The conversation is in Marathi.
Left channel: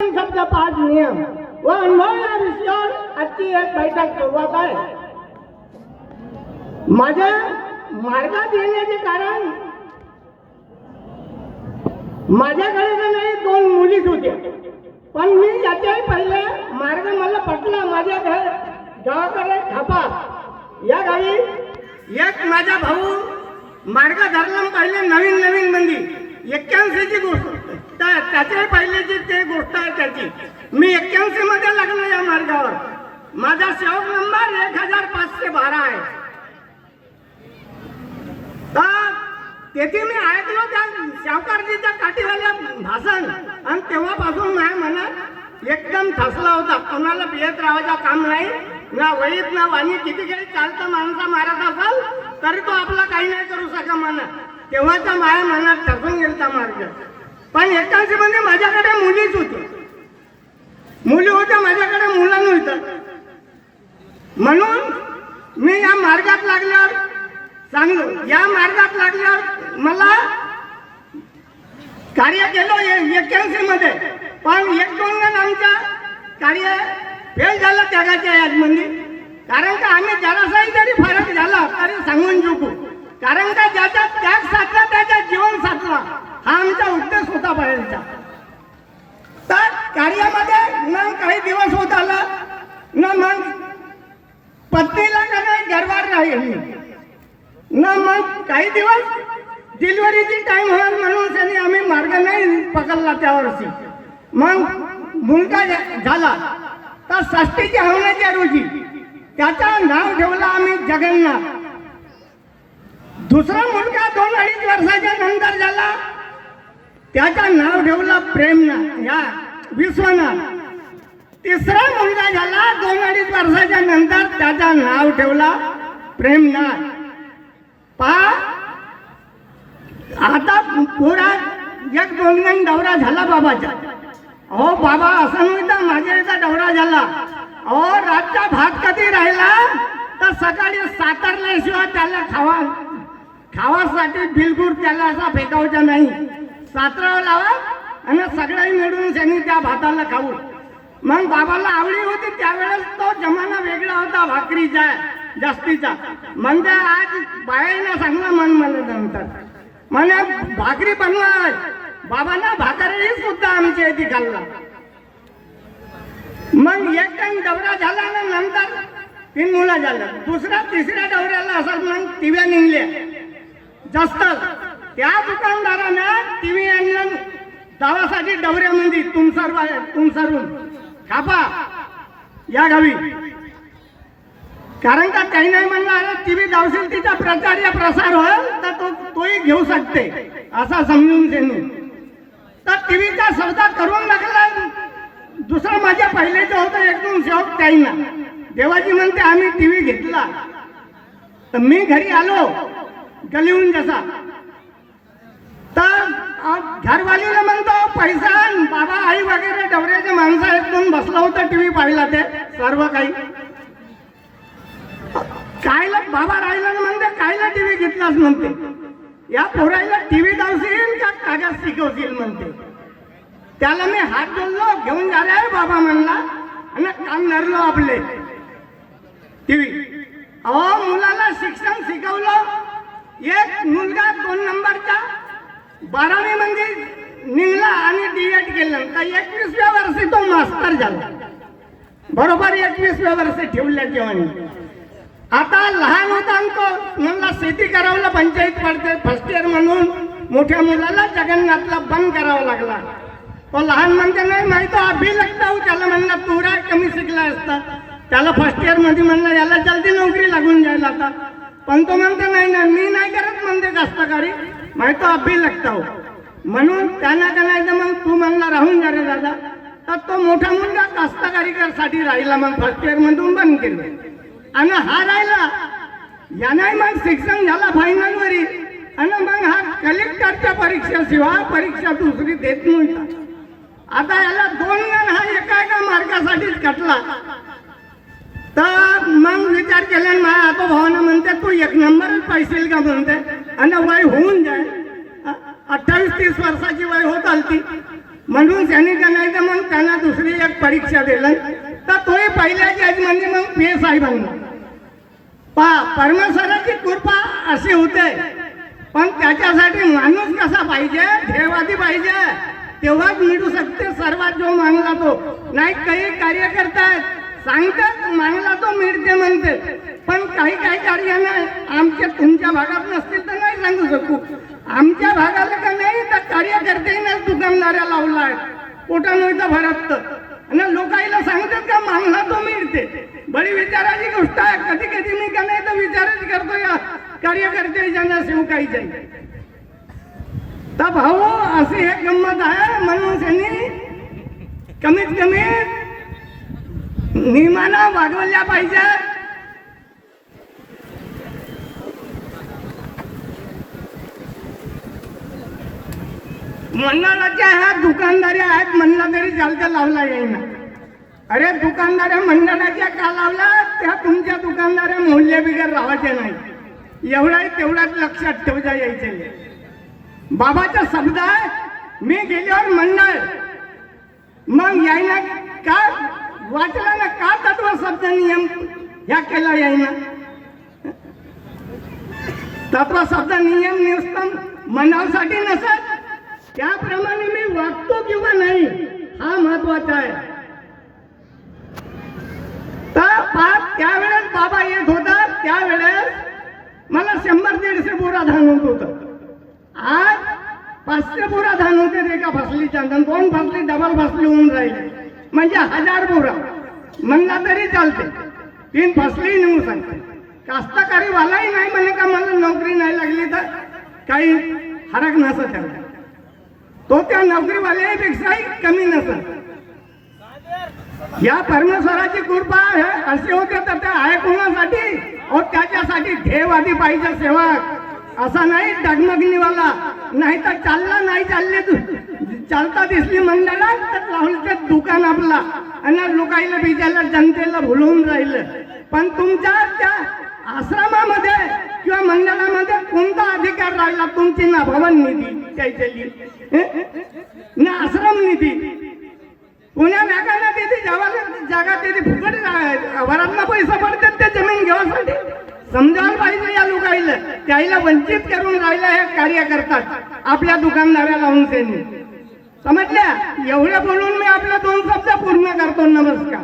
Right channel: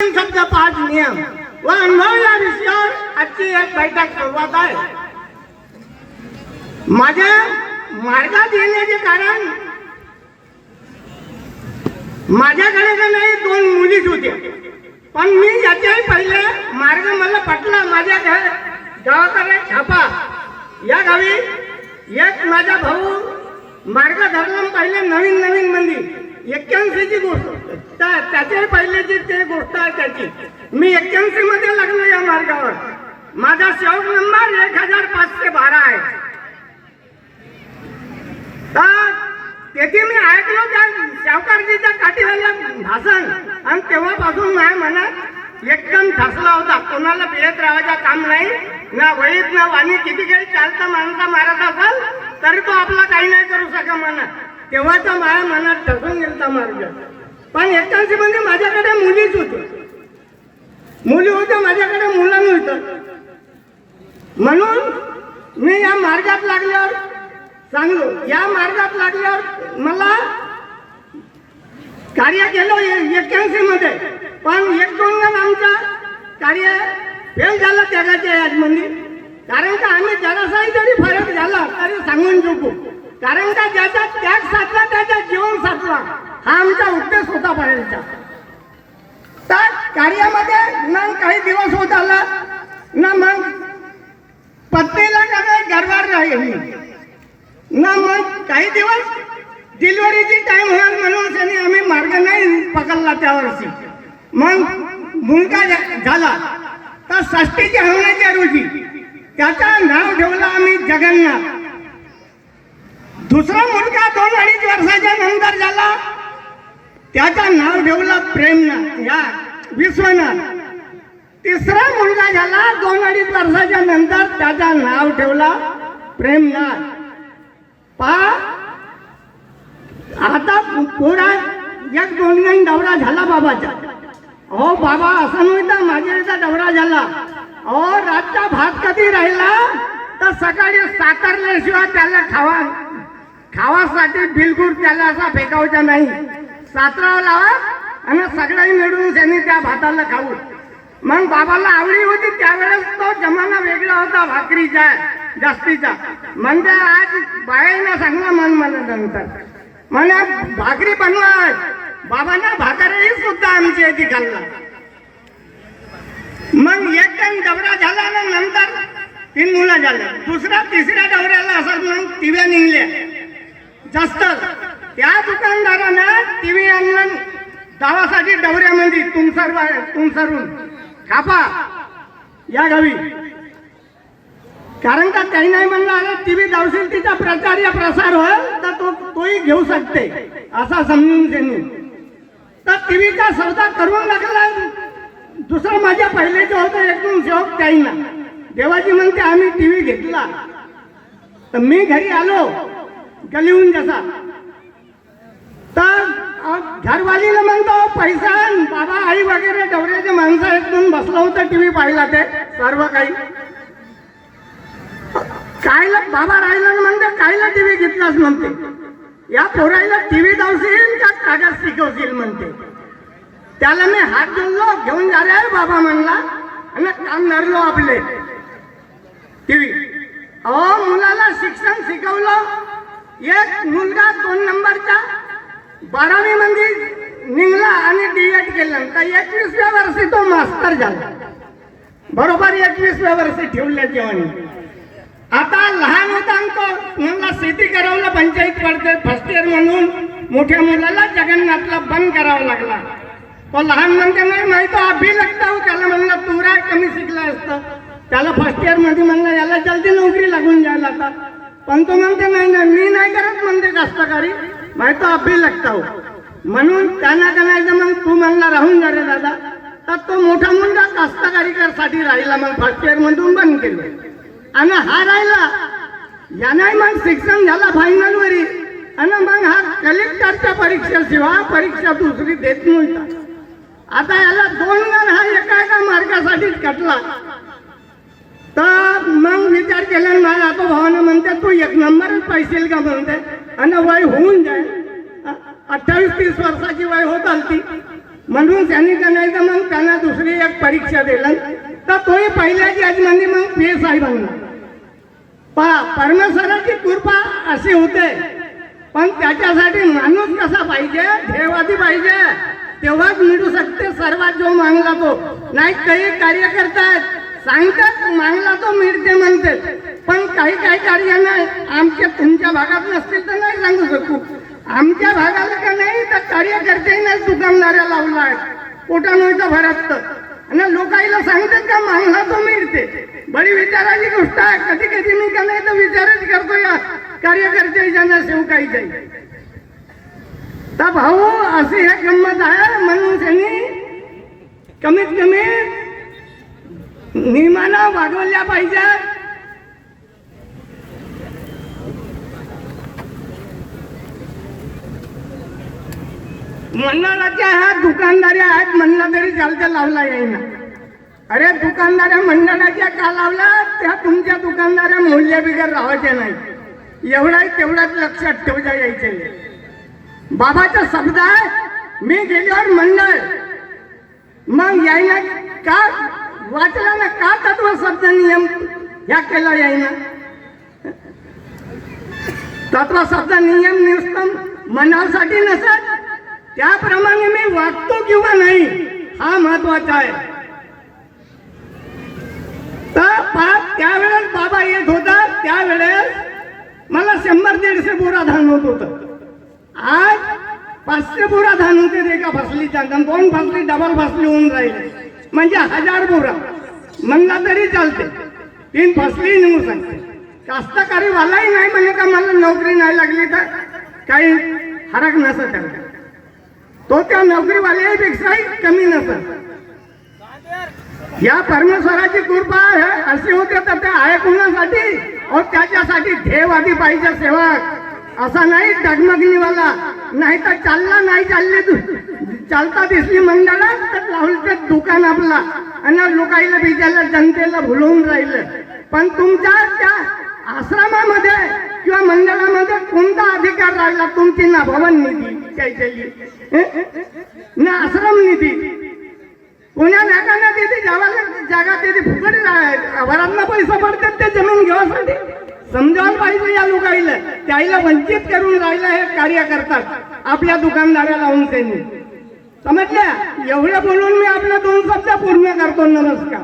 शब्द 5 नियम व अनुभव या विषयावर आजची एक बैठक सुरुवात आहे. माझ्या मार्गात येण्याचे कारण माझ्याकडे तर नाही 2 मुलीच होत्या, पण मी याच्याही पहिले मार्ग मला पटला. माझ्या गावाकडे छापा या गावी एक माझा भाऊ मार्ग धरला. पहिले नवीन नवीन मंदी 81ची गोष्ट त्याच्याही पहिल्याची ते गोष्ट आहे त्याची. मी 81 मध्ये लागलो या मार्गावर. माझा सेवक नंबर 1512 आहे. तर तेथे मी ऐकलो त्या सावकारजीच्या काठीवाला भाषण आणि तेव्हापासून माझ्या मनात एकदम ठसला होता. कोणाला बिळत राहायचं काम नाही ना, वहीत ना वाणी. किती काही चालता माणसा मारत असाल तरी तो आपला काही नाही करू शका म्हणत. तेव्हाचा माझ्या मनात ठसून गेलता मार्ग. पण 81 मध्ये माझ्याकडे मुलीच होती. मुली होत्या माझ्याकडे, मुलं नव्हतं. म्हणून मी या मार्गात लागल्यावर सांगलो. या मार्गात लागल्यावर मला कार्य केलं 81 मध्ये. पण 1-2 जण आमच्या कार्य फेल झालं त्यागाच्या यादमध्ये. कारण का आम्ही जरासाही जरी फरक झाला तरी सांगून चुकू. कारण का ज्याचा त्याग साधला त्याचा जीवन साधला हा आमचा उद्देश होता बाहेरचा. तर कार्यामध्ये न काही दिवस होत आला न मग पत्नीला कधी घरदार राहिली न मग काही दिवस डिलिव्हरीची टाइम होईल म्हणून त्यांनी आम्ही मार्ग नाही पकडला त्या वर्षी. मग मुलगा झाला तर षष्टीच्या होण्याच्या रोजी त्याचं नाव ठेवलं आम्ही जगन्नाथ. दुसरा मुलगा 2-2.5 वर्षाच्या नंतर झाला, त्याचं नाव ठेवलं प्रेमनाथ या विश्वनाथ. तिसरा मुलगा झाला 2-2.5 वर्षाच्या नंतर, त्याचं नाव ठेवला प्रेमनाथ. आता पुरा 1-2 दौरा झाला बाबाचा. हो बाबा असं नव्हतं, माझ्या इथं दौरा झाला. हो रातचा भात कधी राहिला तर सकाळी सातारल्याशिवाय त्याला खावासाठी बिलकुल त्याला असा फेकावचा नाही. सातराव लावा आणि सगळ्यांनी मिळून त्यांनी त्या भाताला खाऊ. मग बाबाला आवडी होती. त्यावेळेस तो जमाना वेगळा होता भाकरीचा जास्तीचा. म्हणजे आज बायांना सांगला मन मला नंतर मला भाकरी बनवाय. बाबांना भाकरही सुद्धा आमची येथे खाल्ला. मग 1 टाइम दौरा झाला ना, नंतर 3 मुलं झाल्या. दुसरा तिसऱ्या दौऱ्याला असं मग टीव्या निघल्या जास्त. त्या दुकानदारानं टीव्ही आणलं गावासाठी दौऱ्यामध्ये तुमसरून खापा या गावी. कारण का काही नाही म्हणलं अरे टीव्ही धावशील तिचा प्रचार या प्रसार होईल तर तोही घेऊ शकते असा समजून त्यांनी. तर टीव्हीचा सौदा करून लागला. दुसरं माझ्या पहिलेचं होतं 1-2 सेवक काही ना. देवाजी म्हणते आम्ही टीव्ही घेतला. तर मी घरी आलो गलीहून जसा, तर घरवालीला म्हणतो पैसा बाबा आई वगैरे दौऱ्याचे माणसं एकदून बसलं होतं टीव्ही पाहिला. ते सर्व काही कायला बाबा राहिला म्हणते कायला टीव्ही घेतलास म्हणते. या पोरायला टीव्ही धावशील का कागद शिकवशील म्हणते. त्याला मी हात जोडलो, घेऊन जा रे बाबा म्हणला आणि काम धरलो आपले टीव्ही. अहो मुलाला शिक्षण शिकवलं. एक मुलगा 2 नंबरचा 12वी मध्ये निघला आणि D.Ed केलं. तर 21व्या वर्षी तो मास्टर झाला. बरोबर 21व्या वर्षी ठेवल्या जेवणी. आता लहान होता तो मला शेती करावला पंचायत पडते फर्स्ट इयर म्हणून. मोठ्या मुलाला जगन्नाथला बंद करावा लागला. तो लहान म्हणते नाही माहिती तो अभि लागता. त्याला म्हणलं तू राय कमी शिकला असतं. त्याला फर्स्ट इयर मध्ये म्हणलं याला जल्दी नोकरी लागून जायला आता. पण तो म्हणते नाही ना मी नाही करत म्हणते कष्टकारी माहिती तो अभि लागता हो. म्हणून त्यांना करायचं मग तू म्हणला राहून जा रे दादा. तर तो मोठा मुलगा कष्टकारीसाठी राहिला. मग फर्स्ट इयर मधून बंद केलं आणि हा राहिला. याने मग शिक्षण झाला फायनल वरी आणि मग हा कलेक्टरच्या परीक्षेशिवाय परीक्षा दुसरी देत नव्हता. आता याला 2 जण हा एका मार्गासाठीच कटला. तर मग विचार केला माझ्या आता भावानं म्हणते तू 1 नंबरच पाहिजे का म्हणते आणि वय होऊन जाईल. 28-30 वर्षाची वय होत आलती. म्हणून त्यांनी का नाही तर मग त्यांना दुसरी एक परीक्षा दिलं तर तोही पहिल्याची आज म्हणजे मग PSI बनला. परमेश्वराची कृपा अशी होते, पण त्याच्यासाठी माणूस कसा पाहिजे, ध्येयवादी पाहिजे, तेव्हाच मिळू शकते सर्वात जो मागला तो. नाही काही कार्य करतात सांगतात मागला तो मिळते म्हणते, पण काही काही कार्य नाही आमच्या तुमच्या भागात नसतील तर नाही सांगू शकू. आमच्या भागाला का नाही तर कार्यकर्त्यांनाच दुकानदाऱ्या लावलाय पोटा नव्हतं भरत आणि लोकांना सांगतात का मागला तो मिळते. बडी विचाराची गोष्ट आहे. कधी कधी मी का नाही तर विचारच करतो या कार्यकर्त्याच्या सेवकाईच्या. तर भाऊ अशी एक गंमत आहे, म्हणून त्यांनी कमीत कमी नियमानं वागवल्या पाहिजेत. मंडळाच्या ह्या दुकानदारी आहेत म्हणलं तरी चालतं, लावला येईना. अरे दुकानदाऱ्या मंडळाच्या का लावला, त्या तुमच्या दुकानदाऱ्या मूल्यबिगर राहायच्या नाही, एवढा तेवढाच लक्षात ठेवता यायचे. बाबाचा शब्द आहे, मी गेल्यावर मंडळ मग यायला का वाचला ना, का तत्व शब्द नियम ह्या केला यायना. तत्व शब्द नियम नुसतं मनासाठी नसत, त्याप्रमाणे मी वागतो किंवा नाही हा महत्वाचा आहे. तर त्यावेळेस बाबा येत होता, त्यावेळेस मला 100-150 बोरा धान होत होतं. आज 500 बोरा धान होते एका फसलीच्या, 2 फसली डबल फसली होऊन राहिले, म्हणजे 1000 बोरा म्हणला तरी चालते. 3 फसली नेऊ शकते. कास्तकारी वालाही नाही म्हणे का मला नोकरी नाही लागली तर काही फरक नसत त्याला, तो त्या नोकरीवाल्यापेक्षाही कमी नसत. या परमेश्वराची कृपा असे होते तर ते आहे कोणासाठी, और त्याच्यासाठी ध्येयवादी पाहिजे सेवक. असा नाही डगमगणीवाला, नाही तर चालला नाही चालता दिसली मंडळात तर लावलं दुकान आपला आणि लोकांना बिजाला जनतेला भुलवून राहिलं. पण तुमच्या त्या आश्रमामध्ये किंवा मंडळामध्ये कोणता अधिकार राहिला, तुमची ना भवन निधी त्याच्याली ना आश्रम निधी, पुण्या नाकांना तिथे जागा तिथे फुकट घरांना पैसे पडतात ते जमीन घेण्यासाठी. समजावलं पाहिजे या लोकांना, त्याला वंचित करून राहिलं हे कार्य करतात आपल्या दुकानदाऱ्या लावून. त्यांनी समजल्या. एवढ्या बोलून मी आपला 2 शब्द पूर्ण करतो. नमस्कार.